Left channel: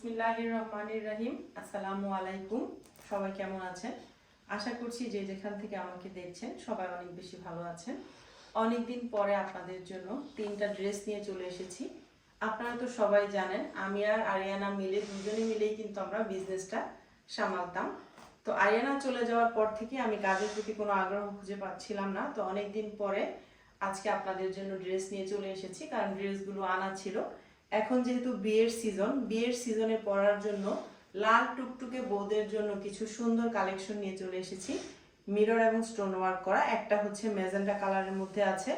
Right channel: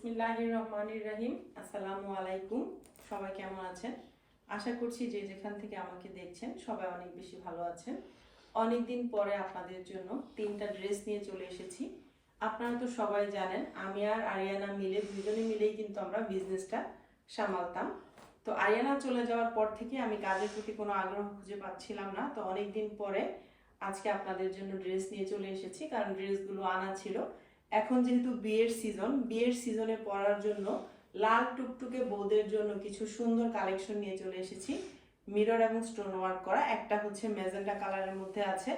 বিসমিল্লাহির রহমানির রহিম। আসসালামু আলাইকুম। সবাই কেমন আছেন? আশা করছি যে যেখান থেকে আমাকে দেখছেন সবাই অনেক বেশি ভালো আছেন। অনেক দিন পরে আপনাদের জন্য তিনটা ড্রেস নিয়ে চলে এসেছি। আপনারা তো সবাই জানেন আমি আর আরিয়ানা মিলে দুজনে মিলেই কিন্তু আমরা বিজনেসটা সামালতাম। তো আরিয়ানা চলে যাওয়ার পর থেকে আমি কাজের প্রতি কোনো আগ্রহ খুঁজে পাচ্ছিলাম না। তো অনেক দিন পরে আজকে আপনাদের জন্য ড্রেস নিয়ে চলে এসেছি, কারণ ড্রেসগুলো আনা ছিল। এখন যেহেতু বিয়ের সিজনে পরার জন্য লাল টুকটুকে বউদের জন্য কিছু সুন্দর কালেকশন নিয়ে চলে এসেছি। মিরর এবং স্টোন ওয়ার্ক করা, একটা হচ্ছে ম্যাজেন্টা কালারের মধ্যে আছে,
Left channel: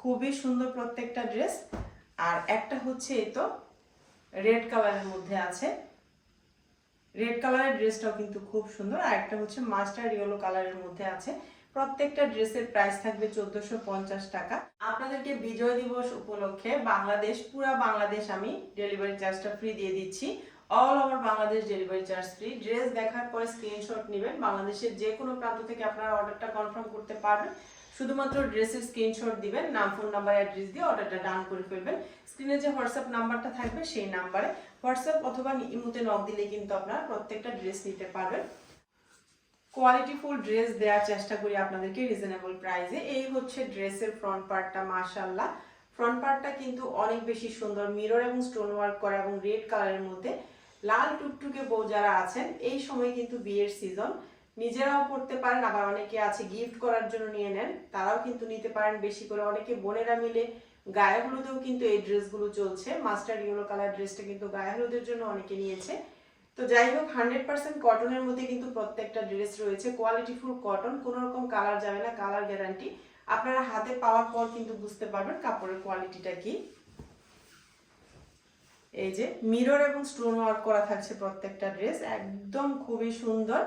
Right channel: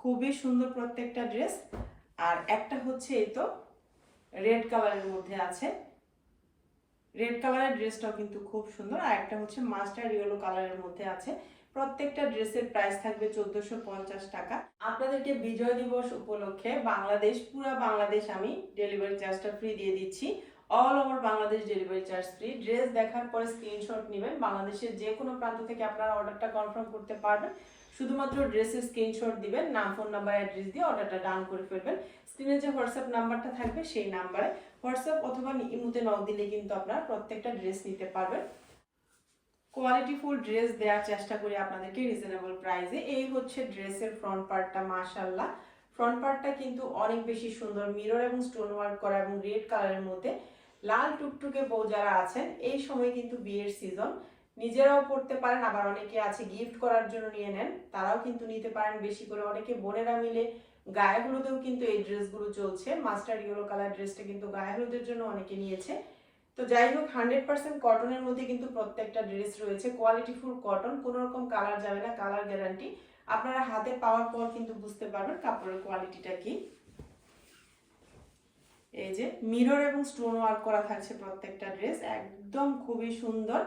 খুবই সুন্দর প্রত্যেকটা ড্রেস। আর একটা হচ্ছে এই তো রেড কালারের মধ্যে আছে, রেড কালারের ড্রেসটাও কিন্তু খুব সুন্দর। আর একটা হচ্ছে মাস্টার্ড ইয়েলো কালারের মধ্যে আছে। প্রত্যেকটা ড্রেসের প্রাইস থাকবে 1450 টাকা। আপনাদেরকে বিজয় দিবস উপলক্ষে পুরা বাংলাদেশ আমি ডেলিভারি চার্জটা ফ্রি দিয়ে দিচ্ছি। All over Bangladesh delivery charge free. Dress দেখার পরে স্ক্রিনশট নেবেন, বাংলাদেশের যে কোনো প্রান্ত থেকে আপনারা অর্ডারটা কনফার্ম করতে পারবেন। শুধুমাত্র ড্রেসের স্ক্রিনশট দিবেন, নাম, ফোন নাম্বার, অ্যাড্রেস দিয়ে অর্ডারটা ডান করে ফেলবেন। স্ক্রিনে যে হোয়াটসঅ্যাপ নাম্বারটা থাকবে সেই নাম্বারে হোয়াটসঅ্যাপ অথবা ইমোতে নক দিলে কিন্তু আপনারা প্রত্যেকটা ড্রেস নিতে পারবেন। কোয়ালিটিফুল ড্রেস দেওয়ার চেষ্টা করি আপনাদেরকে রিজনেবল প্রাইসে। এই হচ্ছে ড্রেসের ফ্রন্ট পার্টটা, মাশাআল্লাহ ফ্রন্ট পার্টটা কিন্তু অনেক বেশি সুন্দর, মিরর এবং স্টোন ওয়ার্ক করা এবং রেড কালারের মধ্যে। লাল টুকটুকে বউ যারা আছেন এই সময় কিন্তু বিয়ের সিজন, নিজেরাও পড়তে পারেন, আবার অনেকে আছে গিফট করার জন্য নিয়ে নেন, তারাও কিন্তু নিতে পারেন বেশি করে। অনেকে বোনেরা মিলে গায়ে হলুদেও কিন্তু এই ড্রেসগুলো চলছে। মাস্টার্ড ইয়েলো কালার ড্রেসটা কিন্তু গায়ে হলুদের জন্য অনেকে নিয়েছে। তো যাই হোক, 100% কটনের মধ্যে কিন্তু প্রত্যেকটা ড্রেস রয়েছে। কোয়ালিটিফুল কটন, কোনো রকম কালার যাবে না, কালার গ্যারান্টি। আপনারা হাতে পাওয়ার পর কিন্তু বুঝতে পারবেন কাপড়ের কোয়ালিটিটা কি। এই যে মিরর এবং স্টোন ওয়ার্ক করা থাকছে প্রত্যেকটা ড্রেস, একদম খুবই সুন্দর,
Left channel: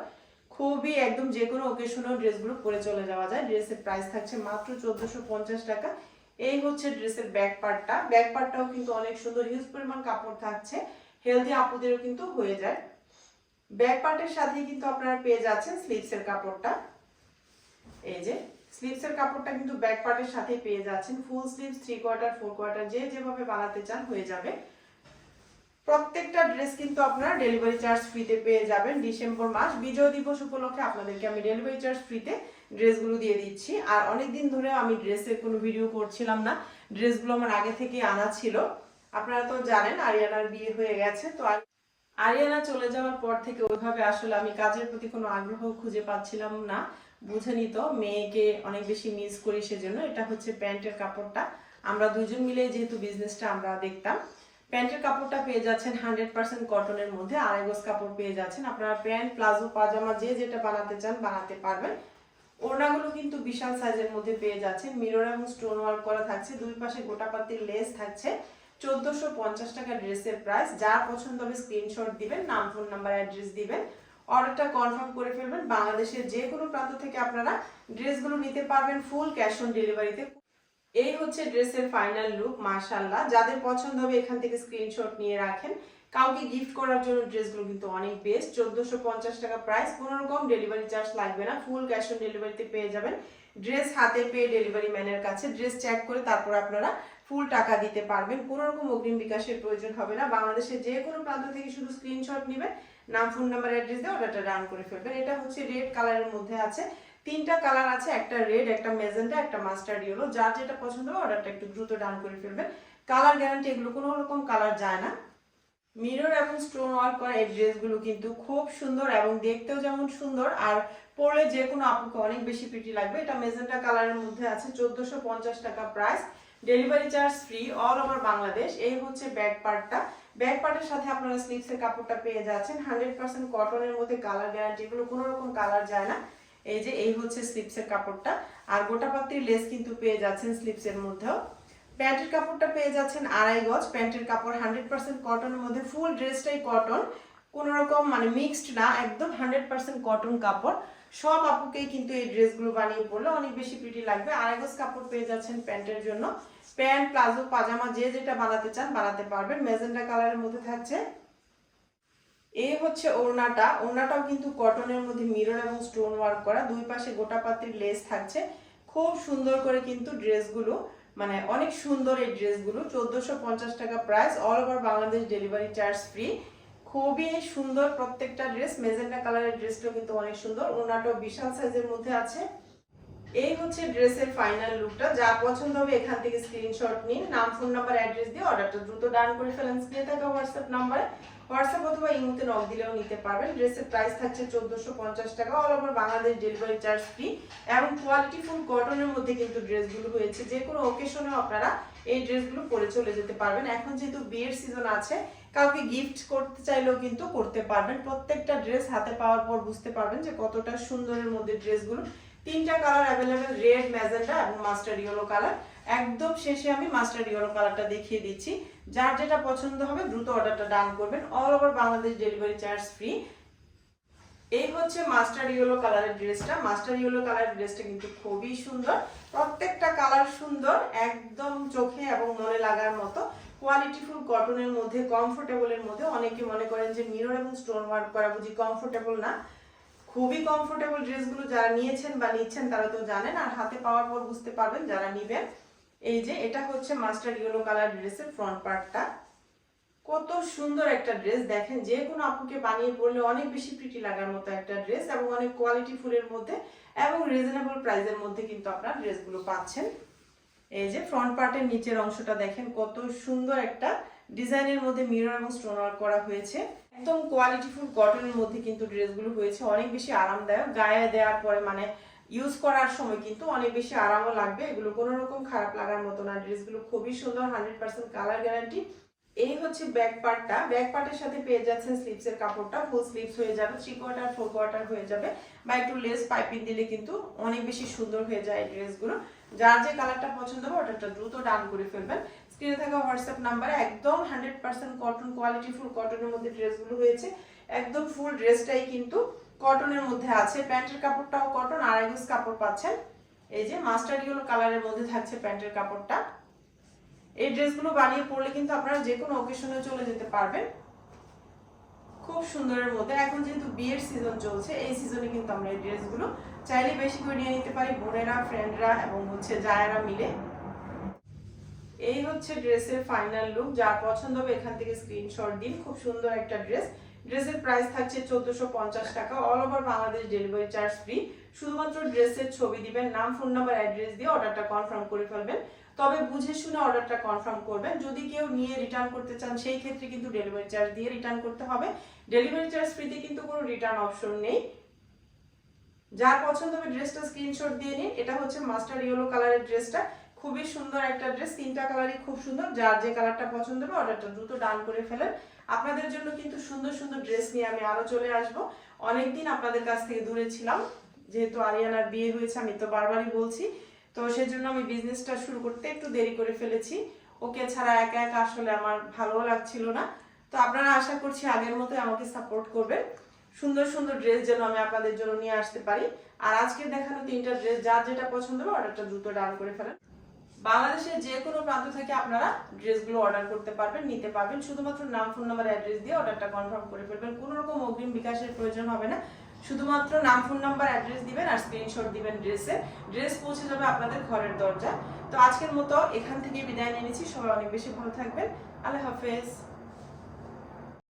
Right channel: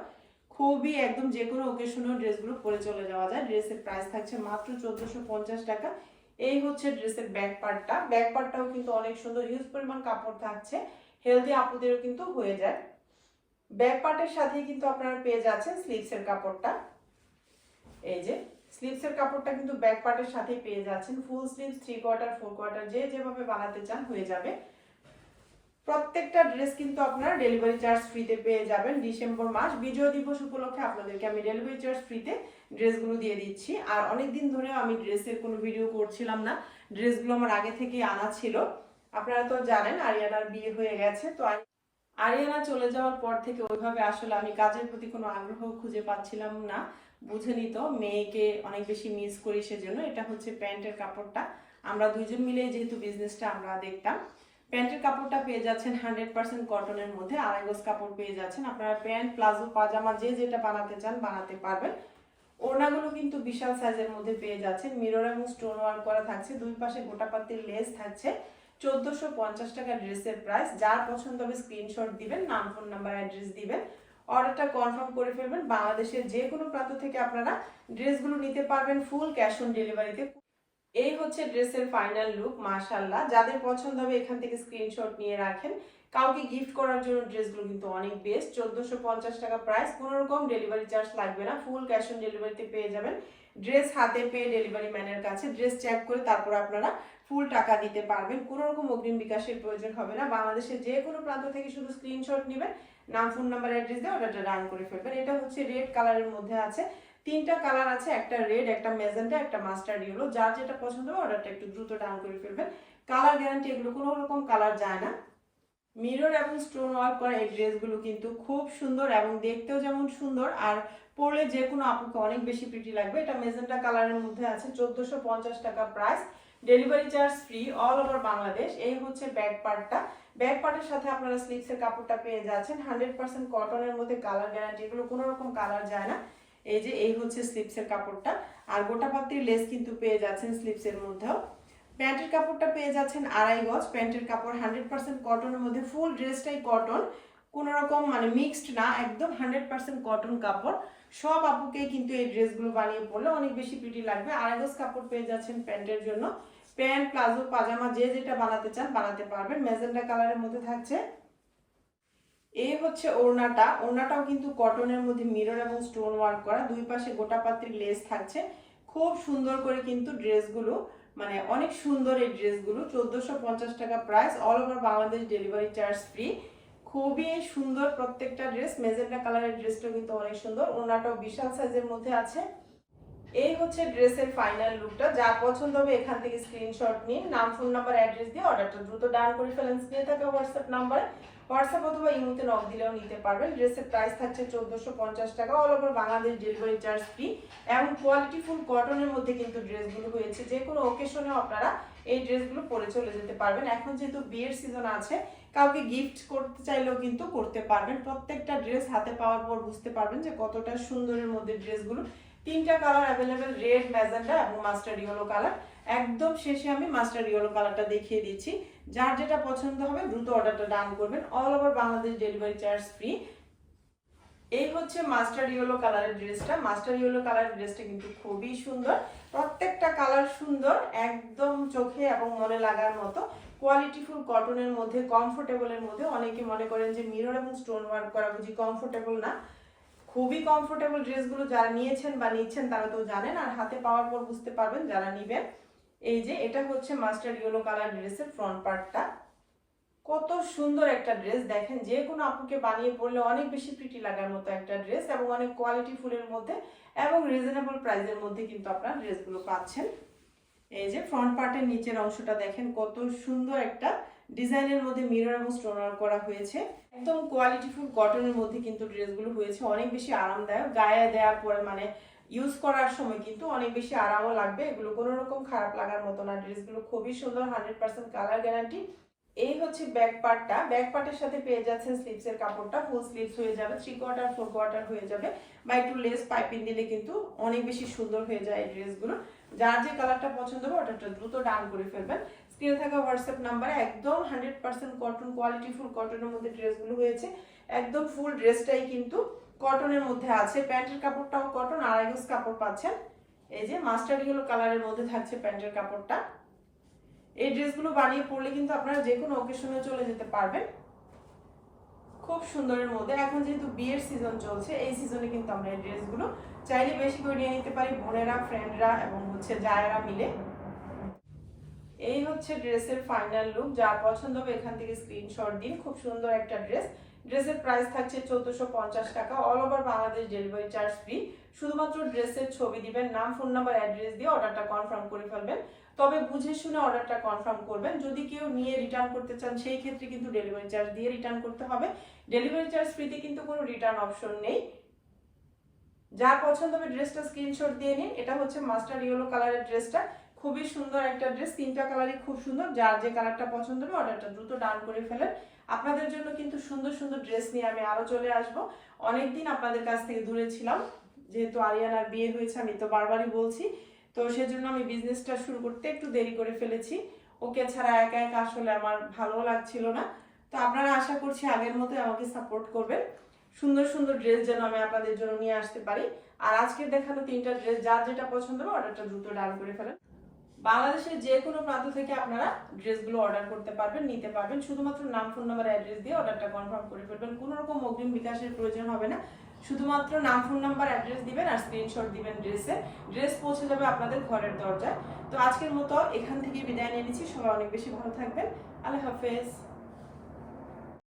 খুবই একদম যে কোনো ওকেশনেও ড্রেসগুলো পরে চলে যাওয়া যায়। ড্রেসের প্রাইস থাকছে মাত্র 1450 টাকা। এই হচ্ছে ড্রেসের ব্যাক পার্টটা, ব্যাক পার্টটাও কিন্তু অনেক সুন্দর, হিউজ পরিমাণ কাপড় থাকছে, হেলদি আপুদেরও কিন্তু হয়ে যায়। ব্যাক পার্টের সাথে কিন্তু আপনারা পেয়ে যাচ্ছেন স্লিভসের কাপড়টা। এই যে স্লিভসের কাপড়টা কিন্তু ব্যাক পার্টের সাথে পেয়ে যাচ্ছেন। ফুল স্লিভস, 3/4, 4/4 যে যেভাবে বানাতে চান হয়ে যাবে। প্রত্যেকটা ড্রেস কিন্তু আপনারা ডেলিভারি চার্জ ফ্রিতে পেয়ে যাবেন। ডিসেম্বর মাস বিজয় দিবস উপলক্ষে আপনাদেরকে আমি ডেলিভারি চার্জ ফ্রিতে ড্রেসগুলো দিয়ে দিচ্ছি। আর অনেকদিন ধরে আমি ড্রেসের কোনো ভিডিও করছিলাম না, ড্রেসগুলো আমার আগে থেকে আনা ছিল। আপনারা তো জানেন আরিয়ানার বিয়ে হয়ে গেছে, তো আরিয়ানা চলে যাওয়ার পর থেকে ওইভাবে আসলে আমি কাজের প্রতি কোনো আগ্রহ খুঁজে পাচ্ছিলাম না। বুঝেনি তো, মেয়েকে অনেক বেশি মিস করি, সেজন্য। এটা হচ্ছে প্যান্টের কাপড়টা, আমরা দুজন মিলে যেহেতু বিজনেসটা আমরা দেখতাম। প্যান্টের কাপড়টা পেয়ে যাচ্ছেন 100% কটনের মধ্যে, আড়াই গজ কাপড় পেয়ে যাচ্ছেন। আপনারা প্যান্ট, প্লাজো, পাজামা যে যেটা বানাতে চান বানাতে পারবেন। ওড়নাগুলো কিন্তু বিশাল সাইজের মধ্যে পেয়ে যাচ্ছেন, মিরর এবং স্টোন ওয়ার্ক করা থাকছে, দুই পাশে গোটাপাতির লেস থাকছে। 1450 টাকা ড্রেসের প্রাইস। যার পছন্দ হবে স্ক্রিনশট দিবেন, নাম, ফোন নাম্বার, অ্যাড্রেস দিবেন, অর্ডারটা কনফার্ম করে ফেলবেন। বাংলাদেশের যে কোনো প্রান্ত থেকে আপনারা ড্রেসগুলো নিতে পারবেন ফুল ক্যাশ অন ডেলিভারিতে। এই হচ্ছে ড্রেসের ফাইনাল লুক, মাশাআল্লাহ। যাদের পছন্দ হবে এখান থেকে স্ক্রিনশট নিয়ে রাখেন। কাউকে গিফট করার জন্য ড্রেসগুলো কিন্তু অনেক বেস্ট। 1450 টাকা প্রাইস, কোনো রকম ডেলিভারি চার্জ লাগবে না, ফুল ক্যাশ অন ডেলিভারিতে পেয়ে যাবেন। ড্রেস হাতে পেয়ে ডেলিভারি ম্যানের কাছে ড্রেস চেক করে তারপর আপনারা ফুল টাকা দিতে পারবেন। কোনো রকম অগ্রিম বিকাশের প্রয়োজন হবে না। বাংলাদেশের যে কোনো প্রান্ত থেকে শুধু স্ক্রিনশট নেবেন, নাম, ফোন নাম্বার, অ্যাড্রেস দিয়ে অর্ডারটা ডান করে ফেলবেন। এটা হচ্ছে রেড কালারের মধ্যে আছে, তিনটা কালার আছে, একটা রেড, একটা মেজেন্টা, একটা মাস্টার্ড ইয়েলো। যার যেটা পছন্দ হবে অর্ডারটা একটু দ্রুত ডান করে ফেলবেন। কালার গ্যারান্টি, এগুলো কোনো রকম কালার যায় না। মিরর এবং স্টোন ওয়ার্ক করা এই ড্রেসগুলো কিন্তু খুব সুন্দর এবং দেখতেও যেমন সুন্দর, আর পরলে যে কোনো আপুকে অনেক বেশি প্রিটি লাগবে। এটা মেজেন্টা কালারের মধ্যে আছে, 1450 টাকা price, delivery charge free all over Bangladesh. এই হচ্ছে ব্যাক পার্টটা, ব্যাক পার্টের সাথে আপনারা স্লিভসের কাপড়টা পেয়ে যাচ্ছেন 100% কটনের মধ্যে, কালার গ্যারান্টি, এগুলো কোনো রকম কালার যায় না। এই যে এই হচ্ছে স্লিভসের কাপড়টা, আর গোটা পাত্রির লেস কিন্তু পেয়ে যাচ্ছেন স্লিভসের মধ্যেও। প্যান্টের কাপড়টা পেয়ে যাচ্ছেন আড়াই গজ, প্যান্টের কাপড় 100% কটনের মধ্যে, ফুল ড্রেসটাই কটন, কোনো রকম মানে মিক্সড না, একদম 100% কটন কাপড়। সব আপুকেই কিন্তু এই ড্রেসগুলো বানিয়ে পরলে অনেক বেশি প্রিটি লাগবে। আড়াই গজ কাপড় পেয়ে যাচ্ছেন প্যান্টের জন্য। প্যান্ট, প্লাজো, পাজামা যে যেটা বানাতে চান বানাতে পারবেন। মেজেন্টা কালারের মধ্যে থাকছে। এই হচ্ছে ওড়নাটা, ওড়নাটাও কিন্তু কটনের মধ্যে মিরর এবং স্টোন ওয়ার্ক করা, দুই পাশে গোটা পাত্রির লেস থাকছে। খুব সুন্দর করে কিন্তু ড্রেসগুলো, মানে অনেক সুন্দর এই ড্রেসগুলো। 1450 টাকা price, all over Bangladesh delivery charge free. খুবই সুন্দর প্রত্যেকটা ড্রেস। মেজেন্টা কালারের ড্রেসটাও কিন্তু অনেক সুন্দর, ওনাটাও বিশাল সাইজের মধ্যে আছে। এই হচ্ছে ড্রেসের ফাইনাল লুকটা। যা পছন্দ হবে এখান থেকে স্ক্রিনশট নিন, নাম, ফোন নাম্বার, অ্যাড্রেস দিয়ে অর্ডারটা দ্রুত ডান করে ফেলেন স্ক্রিনে থাকা হোয়াটসঅ্যাপ নাম্বারে। হোয়াটসঅ্যাপ অথবা ইমোতে নক দিলেও নিতে পারবেন। ড্রেসের প্রাইস থাকছে 1450 টাকা, all over Bangladesh delivery charge free এবং কোয়ালিটি ফুল কটনের মধ্যে কিন্তু ড্রেসগুলো হয়েছে। যে কোনো অকেশনেও আপনারা এই ড্রেসগুলো পরে চলে যেতে পারবেন। এখন যেহেতু বিয়ের সিজন আছে, কাউকে গিফট করতে চাইলেও কিন্তু করতে পারবেন। প্রত্যেকটা ড্রেস হাতে পাওয়ার পর বুঝতে পারবেন যে কতটা সুন্দরের মধ্যে ড্রেসগুলো। তিনটা কালার অ্যাভেলেবেল, রেড, ম্যাজেন্টা এবং মাস্টার্ড ইয়েলো কালার। একদম শেষে আমি মাস্টার্ড ইয়েলো কালারটা দেখিয়ে দিচ্ছি। যার যেটা পছন্দ হবে দ্রুত অর্ডারটা ডান করবেন, all over Bangladesh delivery charge free. এই হচ্ছে মাস্টার্ড ইয়েলো কালারের ড্রেসটা। মাস্টার্ড ইয়েলো কালারের ড্রেসটা কিন্তু খুবই সুন্দর, প্রত্যেকটা কালার সুন্দর, একদম চোখে এবং মনে লাগার মতো। কোয়ালিটিফুল কটনের মধ্যে, কমফোর্টেবলের মধ্যে। অনেকে মনে করেন যে মিরর এবং স্টোন ওয়ার্ক করা বুঝি কমফোর্টেবল না, খুবই কমফোর্টেবল ড্রেসগুলো। যারা নিয়েছেন বা নিচ্ছেন তারা তো জানেন, আর হাতে পাওয়ার পর বুঝতে পারবেন যারা নিবেন। এই যে এটা হচ্ছে মাস্টার্ড ইয়েলো কালার ড্রেসের ফ্রন্ট পার্টটা। কত সুন্দর একটা ড্রেস, দেখেন যে কোনো আপুকে বানিয়ে পরলে অনেক বেশি প্রিটি লাগার মতো একটা ড্রেস এবং অনেক কোয়ালিটি ফুলের মধ্যে এবং রিজনেবল প্রাইসের মধ্যে কিন্তু আপনারা ড্রেসগুলো পাচ্ছেন। এই যে ফ্রন্ট পার্টের নিচের অংশটা দেখেন কত সুন্দর একটা ডিজাইনের মধ্যে মিরর এবং স্টোন ওয়ার্ক করা হয়েছে। একদম কোয়ালিটিফুল কটনের মধ্যে কিন্তু ড্রেসগুলো হয়েছে, অনেক বেশি আরামদায়ক। গায়ে দেওয়ার পরে মানে ইউজ করার সময় কিন্তু অনেক বেশি আরামও লাগবে, এগুলো কোনো রকম খারাপ লাগার মতো না। ড্রেসগুলো খুবই সুন্দর, 100% কালার গ্যারান্টি। এই হচ্ছে ব্যাক পার্টটা। ব্যাক পার্টের সাথে পেয়ে যাচ্ছেন স্লিভসের কাপড়টা, ফুল স্লিভস হয়ে যাবে, 3/4 4/4 হয়ে যাবে, বা একটু লেস পাইপিং দিলে কিন্তু অনেক বেশি সুন্দর হয়ে যায় এই ড্রেসগুলো। যার যে কালারটা পছন্দ হবে ওটা দ্রুত ডান করে ফেলবেন স্ক্রিনে থাকা হোয়াটসঅ্যাপ নাম্বারে। একদম 100% কটন, কোয়ালিটি ফুল কটনের মধ্যে ড্রেসগুলো হয়েছে। একদম ফুল ড্রেসটাই কিন্তু কটনের মধ্যে আছে। প্যান্টের কাপড়টাও কটন, আড়াই গজ কাপড় পাচ্ছেন। এই যে মাস্টার্ড ইয়েলো কালারের মধ্যে থাকছে প্যান্টের কাপড়টা। এই ড্রেসগুলো বানিয়ে পরলে কিন্তু আপনারা যে কোনো অকেশনে চলে যেতে পারবেন, খুব সুন্দরের মধ্যে। এখন যেহেতু বিয়ের সিজন চলছে, এই সিজনে কিন্তু আমরা এই ড্রেসগুলো চাইলে বেশি করে নিয়ে নিতে পারি, বোনেরা, ফ্রেন্ডরা এবং হচ্ছে জায়েরা মিলে। এই হচ্ছে ড্রেসের ফাইনাল লুক। যা পছন্দ হবে এখান থেকে স্ক্রিনশট দিন। খুব সুন্দর একটা ড্রেস। ড্রেসের প্রাইস থাকছে 1450 টাকা, all over Bangladesh delivery charge free. শুধুমাত্র ড্রেসের ছবি দিবেন, নাম, ফোন নাম্বার, অ্যাড্রেস দিয়ে অর্ডারটা কনফার্ম করে ফেলবেন। তবে বুঝে শুনে অর্ডারটা কনফার্ম করবেন। যদি কেউ নিয়ে রিটার্ন করতে চান সেই ক্ষেত্রে কিন্তু ডেলিভারি চার্জ দিয়ে রিটার্ন করতে হবে। ডেলিভারি চার্জ ফ্রিতে কিন্তু কোনো রিটার্ন অপশন নেই। যার পছন্দ হবে ড্রেসটা স্ক্রিনশট দিয়ে নিন। এটা হচ্ছে মাস্টার্ড ইয়েলো কালারের ড্রেসটা, খুবই সুন্দর একটা ড্রেস। তিনটা কালারই খুব সুন্দর। যার যে কালারটা পছন্দ হবে অর্ডারটা দ্রুত ডান করে ফেলেন। আপনাদের জন্য কিন্তু সুন্দর সুন্দর ড্রেস নিয়ে আমি আরো চলে আসব। অনেকদিন আপনাদের কাছ থেকে দূরে ছিলাম, যেহেতু আরিয়ানার বিয়ে হয়েছে, আমি তো বারবারই বলছি, তো সেজন্য আমি বিজনেসটা শুরু করতে একটু দেরি করে ফেলেছি। ওকে ছাড়া একা একা আসলে আমার ভালো লাগছিল না। তো আপনারা আশা করছি আগের মতোই আমাকে সাপোর্ট করবেন, সুন্দর সুন্দর ড্রেস যেন আমি আপনাদের জন্য নিয়ে আসতে পারি। আর আজকে দেখানো তিনটা ড্রেস যার যেটা পছন্দ হবে অর্ডারটা দ্রুত ডান করে ফেলেন। বাংলাদেশের যে কোনো প্রান্ত থেকে আপনারা ড্রেসগুলো অর্ডার করতে পারবেন, নিতে পারবেন। শুধুমাত্র নাম, ফোন নাম্বার, অ্যাড্রেস দিয়ে অর্ডারটা কনফার্ম করে ফেলবেন। কোনো রকম অগ্রিম বিকাশের প্রয়োজন হবে না। শুধুমাত্র নাম, ফোন নাম্বার, অ্যাড্রেস দিবেন আর স্ক্রিনশট দিবেন ড্রেসে। ড্রেস পৌঁছে যাবে আপনাদের ঘরের দরজায়। তো আজকের মতো এখান থেকে বিদায় নিয়ে নিচ্ছি। সবাই অনেক বেশি ভালো থাকবেন। আল্লাহ হাফেজ।